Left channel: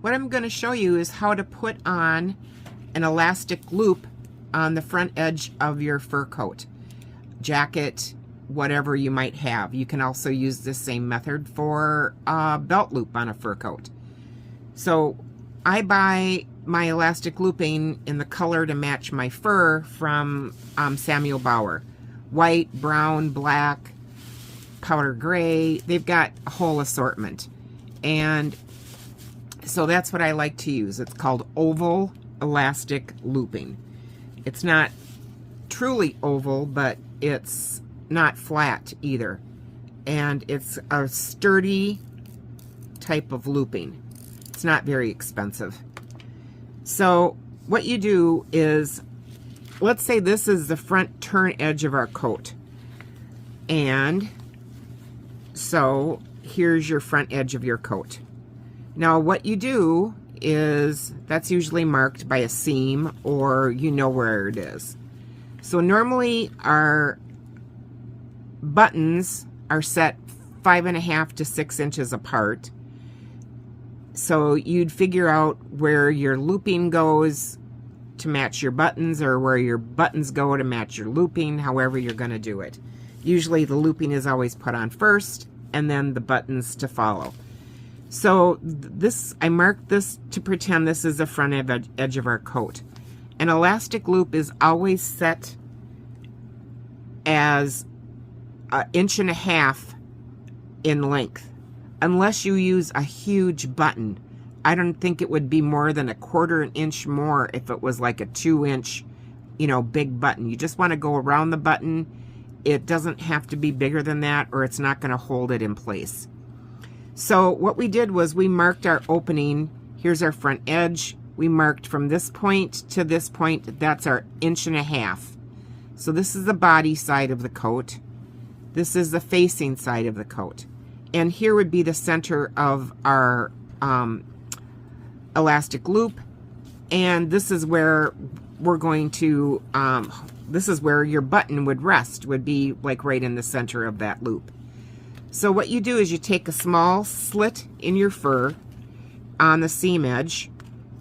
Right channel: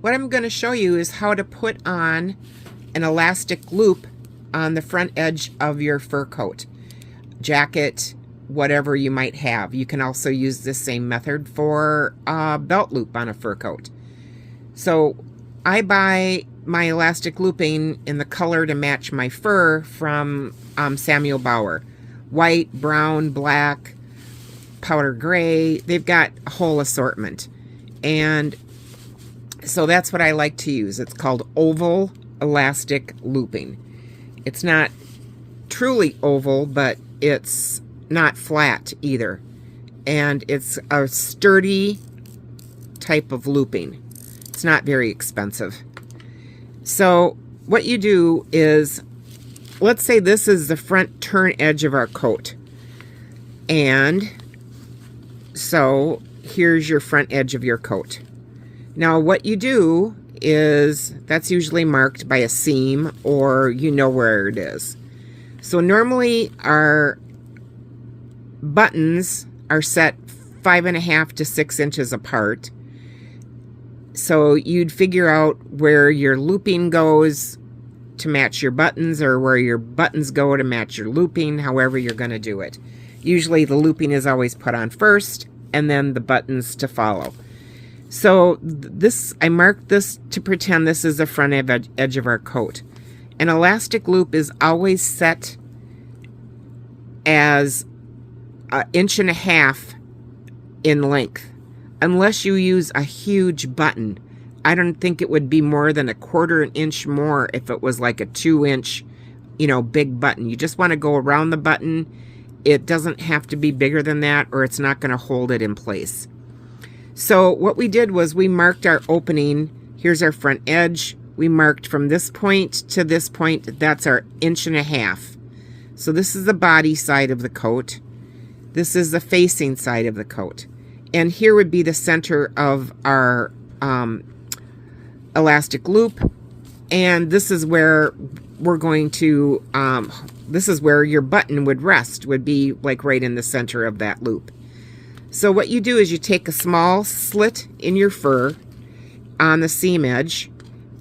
what I'm going to show you is how to put on an elastic loop on the front edge of your fur coat, jacket, whatever you might have. You can also use the same method for a belt loop on a fur coat. So I buy my elastic looping in the color to match my fur from Samuel Bauer. White, brown, black, powder gray. They've got a whole assortment. And so that's what I like to use. It's called oval elastic looping. It's not truly oval, but it's not flat either. And it's a sturdy type of looping. It's not very expensive. So what you do is, let's say this is the front turn edge of our coat. And so here's your front edge of your coat. Now what you do is, that's usually marked by a seam, or you know where it is. So normally our buttons are set 5.5 to 6 inches apart. So you'd figure out where your looping goes to match your buttons, or where your buttons go to match your looping, however you're going to do it. Usually the looping is always put on first, and then the buttons to follow. So this, I marked this to pretend this is the front edge of our coat. An elastic loop is always set as 1.5 inches in length, unless you use a huge button. I don't think it would be more than 1/4 inch more if it was like a 2-inch, big button. You just want to go around the button. It doesn't have to be bigger than that, or it's not going to hold it in place. So what we did was we marked our opening. Here's our front edge. We marked from this point to this point. That's our 1.5 inches. So this is the body side of the coat. This is the facing side of the coat. And here would be the center of our elastic loop. And this is where we're going to, this is where your button would rest, would be like right in the center of that loop. So what you do is you take a small slit in your fur on the seam edge,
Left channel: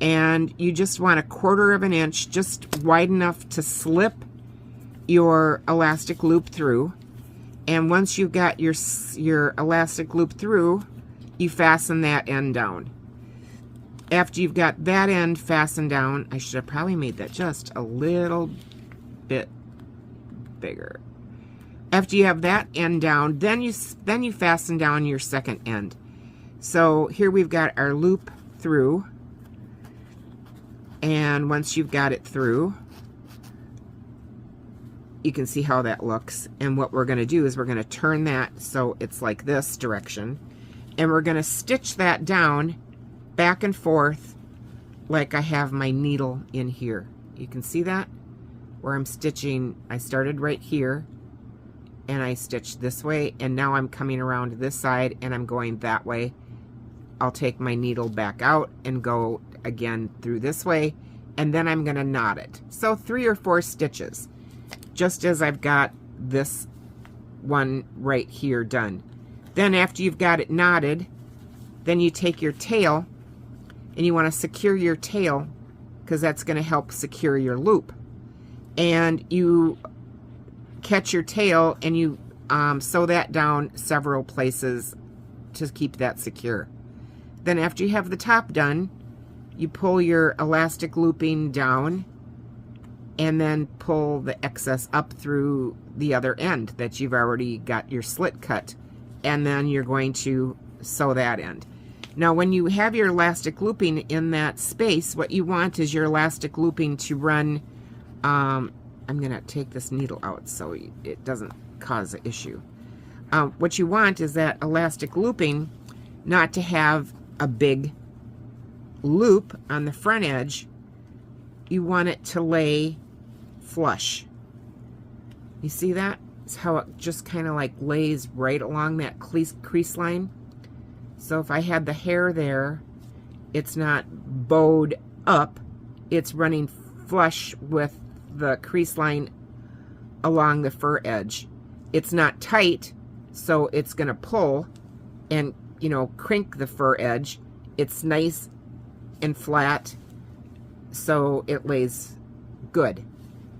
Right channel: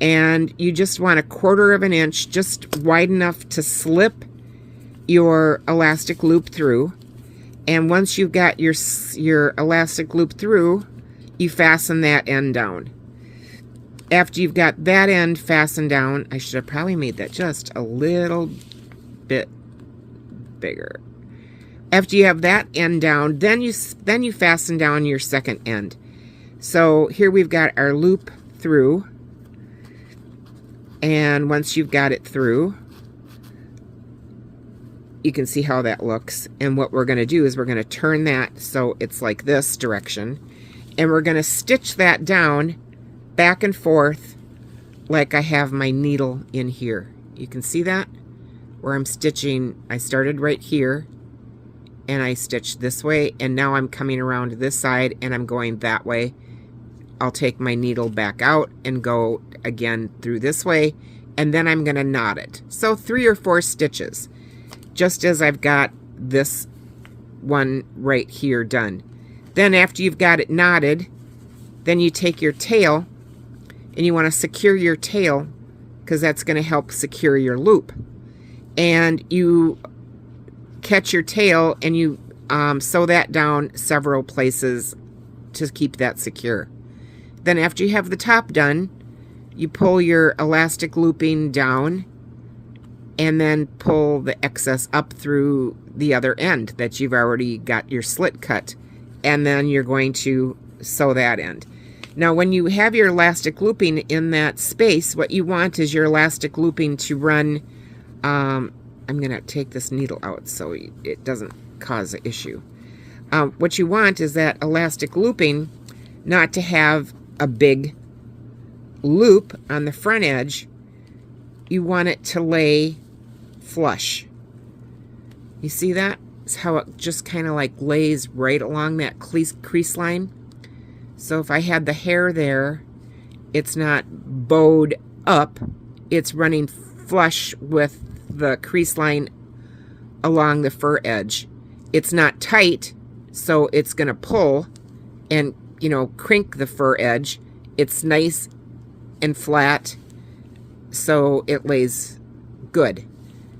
and you just want 1/4 inch, just wide enough to slip your elastic loop through. And once you've got your elastic loop through, you fasten that end down. After you've got that end fastened down, I should have probably made that just a little bit bigger. After you have that end down, then you fasten down your second end. So here we've got our loop through, and once you've got it through, you can see how that looks. And what we're going to do is we're going to turn that so it's like this direction, and we're going to stitch that down back and forth like I have my needle in here. You can see that where I'm stitching. I started right here and I stitched this way, and now I'm coming around to this side and I'm going that way. I'll take my needle back out and go again through this way, and then I'm going to knot it. So 3 or 4 stitches, just as I've got this one right here done. Then after you've got it knotted, then you take your tail, and you want to secure your tail, because that's going to help secure your loop. And you catch your tail and you sew that down several places to keep that secure. Then after you have the top done, you pull your elastic looping down and then pull the excess up through the other end that you've already got your slit cut, and then you're going to sew that end. Now when you have your elastic looping in that space, what you want is your elastic looping to run, I'm going to take this needle out so it doesn't cause an issue. What you want is that elastic looping not to have a big loop on the front edge. You want it to lay flush. You see that? It's how it just kind of like lays right along that crease line. So if I had the hair there, it's not bowed up, it's running flush with the crease line along the fur edge. It's not tight, so it's going to pull and, crink the fur edge. It's nice and flat so it lays good.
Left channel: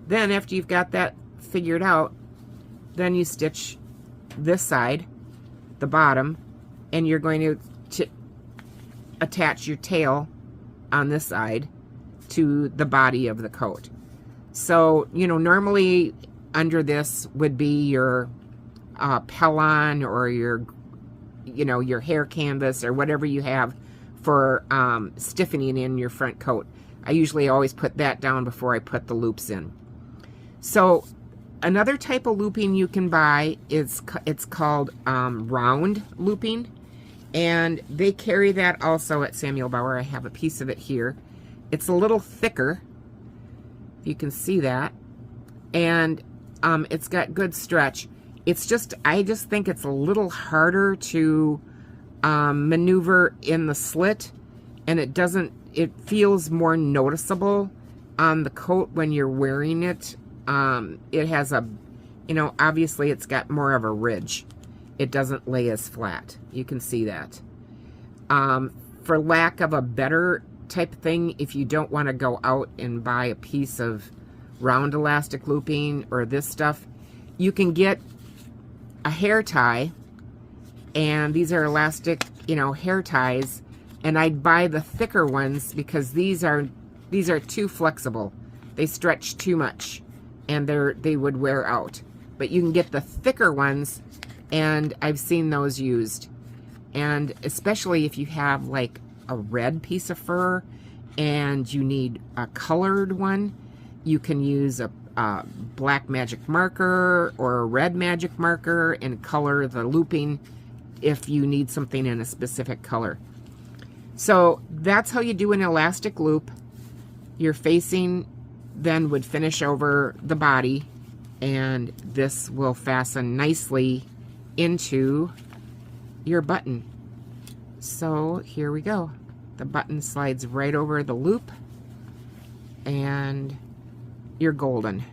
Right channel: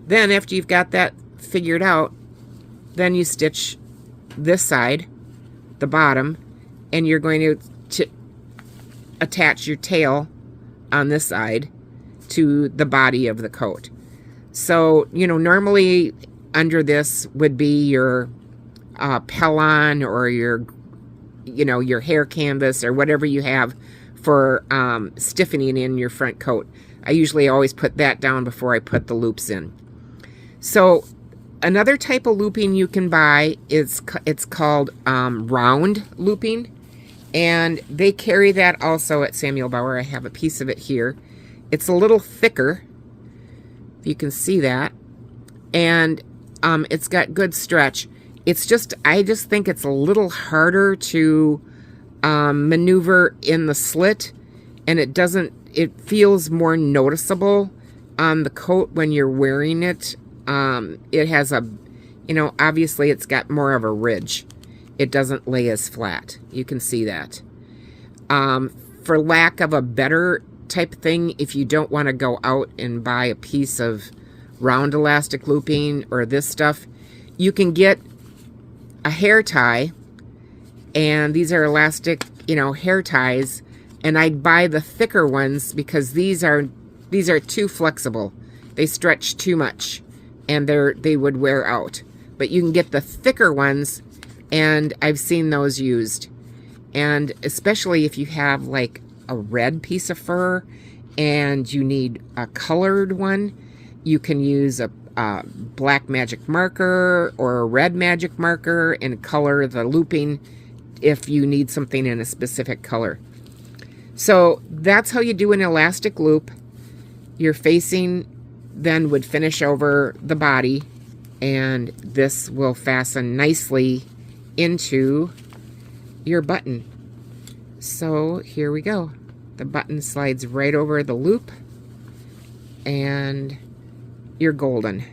Then after you've got that figured out, then you stitch this side, the bottom, and you're going to attach your tail on this side to the body of the coat. So, you know, normally under this would be your pellon or your, you know, your hair canvas or whatever you have for stiffening in your front coat. I usually always put that down before I put the loops in. So another type of looping you can buy is, it's called round looping, and they carry that also at Samuel Bauer. I have a piece of it here. It's a little thicker, you can see that, and it's got good stretch. It's just, I just think it's a little harder to maneuver in the slit, and it feels more noticeable on the coat when you're wearing it. It has a, you know, obviously it's got more of a ridge. It doesn't lay as flat. You can see that. For lack of a better type thing, if you don't want to go out and buy a piece of round elastic looping or this stuff, you can get a hair tie, and these are elastic, you know, hair ties, and I'd buy the thicker ones because these are too flexible. They stretch too much, and they would wear out. But you can get the thicker ones, and I've seen those used. And especially if you have like a red piece of fur and you need a colored one, you can use a black magic marker or a red magic marker and color the looping if you need something in a specific color. So that's how you do an elastic loop. Your facing then would finish over the body, and this will fasten nicely into your button. So here we go. The button slides right over the loop, and you're golden.